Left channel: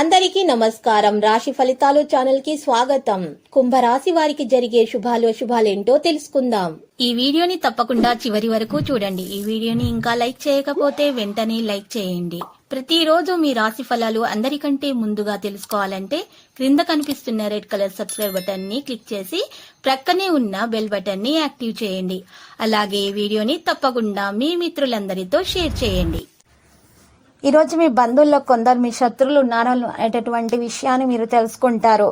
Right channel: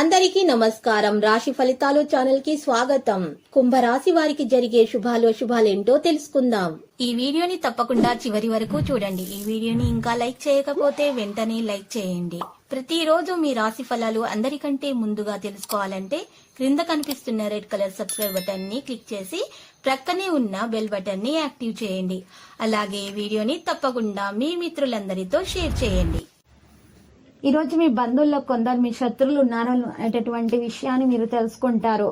అందరికీ నమస్కారం. రాశి ఫలితాలు ఛానల్ కి స్వాగతం. కుంభరాశి వారికి జరిగే శుభాలేంటో తెలుసుకుందాం. ఈ వీడియోని తప్పకుండా చివరి వరకు చూడండి. ఈ వీడియోని ఇంకా లైక్ చేయకపోతే వెంటనే లైక్ చేయండి. ప్రతిరోజు మీ రాశి ఫలాలు అందరికంటే ముందుగా తెలుసుకోవాలంటే క్రింద కనిపిస్తున్న రెడ్ కలర్ సబ్స్క్రైబ్ బటన్ ని క్లిక్ చేసి ప్రక్కనే ఉన్న బెల్ బటన్ ని యాక్టివ్ చేయండి. అలాగే ఈ వీడియోని తప్పకుండా మీ మిత్రులందరితో షేర్ చేయండి. ఈరోజు మీ బంధువుల్లో కొందరు మీ శత్రువులు ఉన్నారు అనేటటువంటి విషయాన్ని మీరు తెలుసుకుంటారు.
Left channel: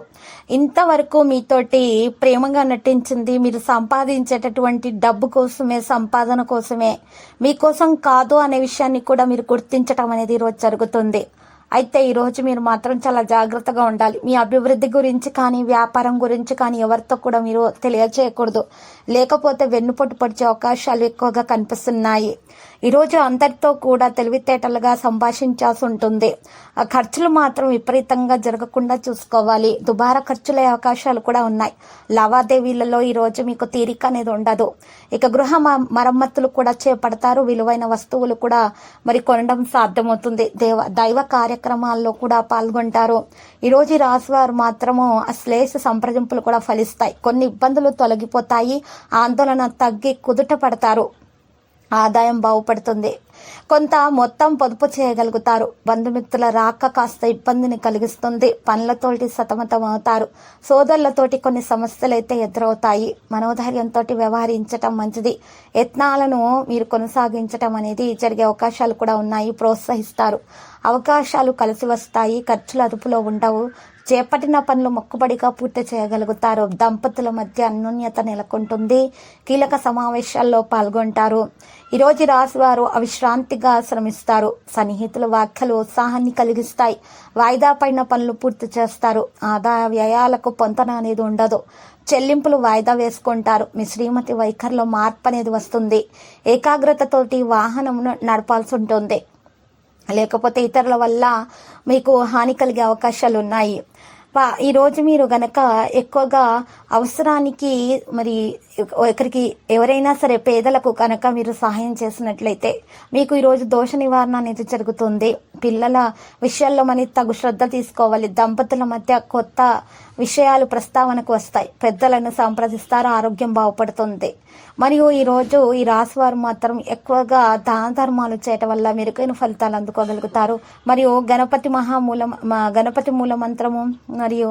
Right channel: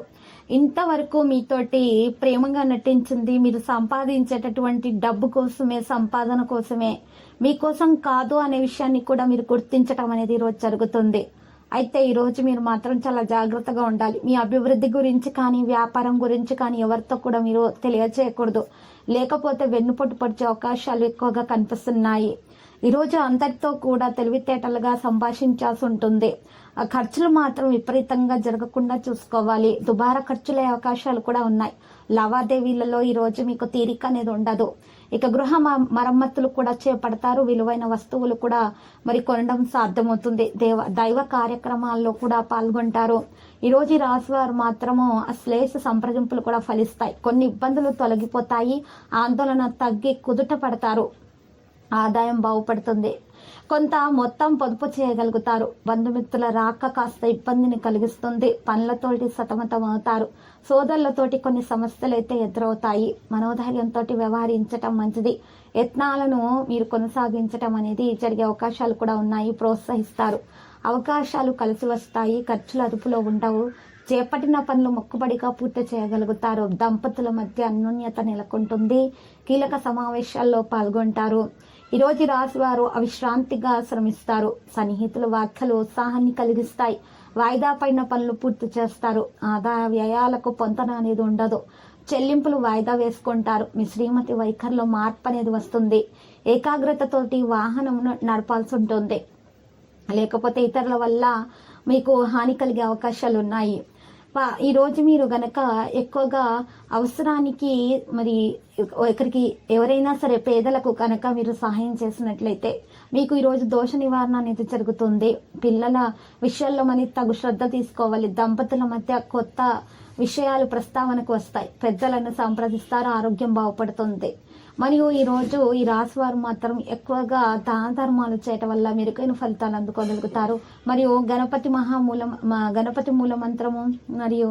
ఇంతవరకు మీతోటి ప్రేమగా నటించింది మీరు సంపాదించేటటువంటి డబ్బు కోసమే, సంపాదన కోసమే, మీకోసం కాదు అనే విషయాన్ని కూడా మీరు గుర్తించటం అనేది ఈరోజు జరుగుతుంది. అయితే ఈరోజు మీరు మాత్రం చాలా జాగ్రత్తగా ఉండాలి. మీ అభివృద్ధి గురించి కానీ, వ్యాపారం గురించి కానీ ఎవరితో కూడా మీరు తెలియజేయకూడదు. లేకపోతే వెన్నుపోటు పొడిచే అవకాశాలు ఎక్కువగా కనిపిస్తున్నాయి. ఈరోజు అందరితో కూడా తెలివితేటలుగా సంభాషించాల్సి ఉంటుంది. ఆ ఖర్చులు మాత్రం విపరీతంగా జరగకుండా చూసుకోవాలి. దుబారా ఖర్చులే అవకాశాలు కూడా ఉన్నాయి. లావాదేవీలలో ఈరోజు మీకు తీరిక అనేది ఉండదు. ఇక గృహ మరమ్మతులు కూడా చేపడతారు. విలువైన వస్తువులు కూడా మరి కొనడం సాధ్యమవుతుంది. దైవ కార్యక్రమాల్లో కూడా పాల్గొంటారు. ఈరోజు ఈ రాశి వారు మాత్రము శ్లేష సంప్రదింపులు కూడా ఫలిస్తాయి. కొన్ని ఇబ్బందులు తొలగిపోతాయి. ఆందోళన తగ్గి కుదుట పడతారు. ఆదాయం బాగుపడుతుంది. కొంత మొత్తం పొదుపు చేయగలుగుతారు. బంధుమిత్రుల రాక కాస్త ఇబ్బందిని కలిగిస్తుంది. పనులతోటి సతమతం అవుతారు. సోదరులతోటి కొన్ని సమస్యలు అయితే ఎదురవుతాయి. మనోధైర్యంతో వ్యవహరించటం మంచిది. యత్నాలను మీరు కొనసాగించటం అనేది జరిగే అవకాశాలు కూడా ఉన్నాయి. ప్రోత్సహిస్తారు. అవకాశాలు కలిసి వస్తాయి. ఖర్చులు అదుపులో ఉండవు. చేపట్టిన పనులు మొక్కుబడిగా పూర్తి చేయగలుగుతారు. దంపతుల మధ్య అన్యోన్యత నెలకొంటుంది. కీలక సమావేశాల్లో పాల్గొంటారు. ఈరోజు రాశి వారు అవిశ్రాంతిగా శ్రమిస్తారు. సన్నిహితుల వ్యాఖ్యలు ఉత్సాహాన్ని కలిగిస్తాయి. వాయిదా పడిన పనులు పూర్తి చేస్తారు. ఆదాయ వ్యయాలకు పొంతన అనేది ఉండదు. చెల్లింపులు వాయిదా వేసుకుంటారు. మీ శ్రీమతి వైఖరిలో మార్పు అనేది వస్తుంది. ఏకాగ్రతతోటి వాహనమును నడపాల్సి ఉంటుంది. లేకపోతే ఇతరుల వల్ల మీకు హాని కలిగే అవకాశాలు ఉన్నాయి. ఈరోజు మీరు గనక ఎక్కువగా అవసరానికి మరి ఒకరికి ఎవరైనా సరే పేదలకు కనుక మీరు సహాయం చేసినట్లయితే మీకు ఈరోజు దోష నివారణ అనేది జరుగుతుంది. పిల్లల విషయాల్లో మనకి తగు శ్రద్ధ తీసుకోవాలి. దంపతుల మధ్య కొత్త విషయాలు ప్రస్తావనకు వస్తాయి. పెద్దలను సంప్రదిస్తారు. ఆరోగ్యం బాగుపడుతుంది. మరియు ఈరోజు ఈ రాశి వారు మాత్రం ఎక్కువగా దాన ధర్మాలు చేయటం వల్ల మెరుగైన ఫలితాలు అందుకోగలుగుతారు. మరియు గణపతి మూల మంత్రము మరియు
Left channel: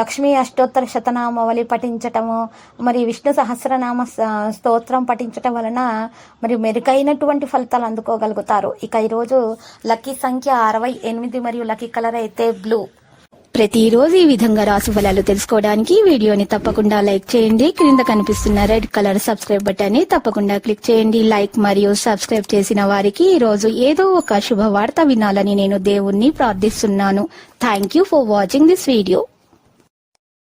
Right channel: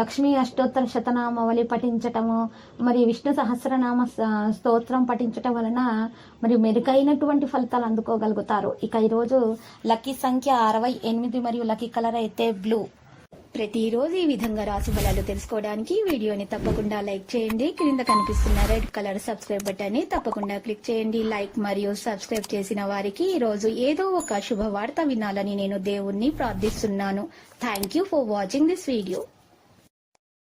లక్ష్మీ అష్టోత్తర శతనామావళి పఠించటము మరియు విష్ణు సహస్రనామ స్తోత్రం పఠించటం వలన మరియు మెరుగైనటువంటి ఫలితాలు అందుకోగలుగుతారు. ఇక ఈరోజు లక్కీ సంఖ్య 68 మరియు లక్కీ కలర్ అయితే బ్లూ. ప్రతిరోజు ఈ విధంగా రాశి ఫలాలు తెలుసుకోవడానికి వీడియోని తప్పకుండా లైక్ చేయండి. క్రింద కనిపిస్తున్న రెడ్ కలర్ సబ్స్క్రైబ్ బటన్ ని తప్పకుండా క్లిక్ చేయండి. లైక్ మరియు సబ్స్క్రైబ్ చేసిన వారికి ఈ రోజు ఏదో ఒక శుభవార్త వినాలని నేను దేవుణ్ణి ప్రార్థిస్తున్నాను. Thank you for watching this video.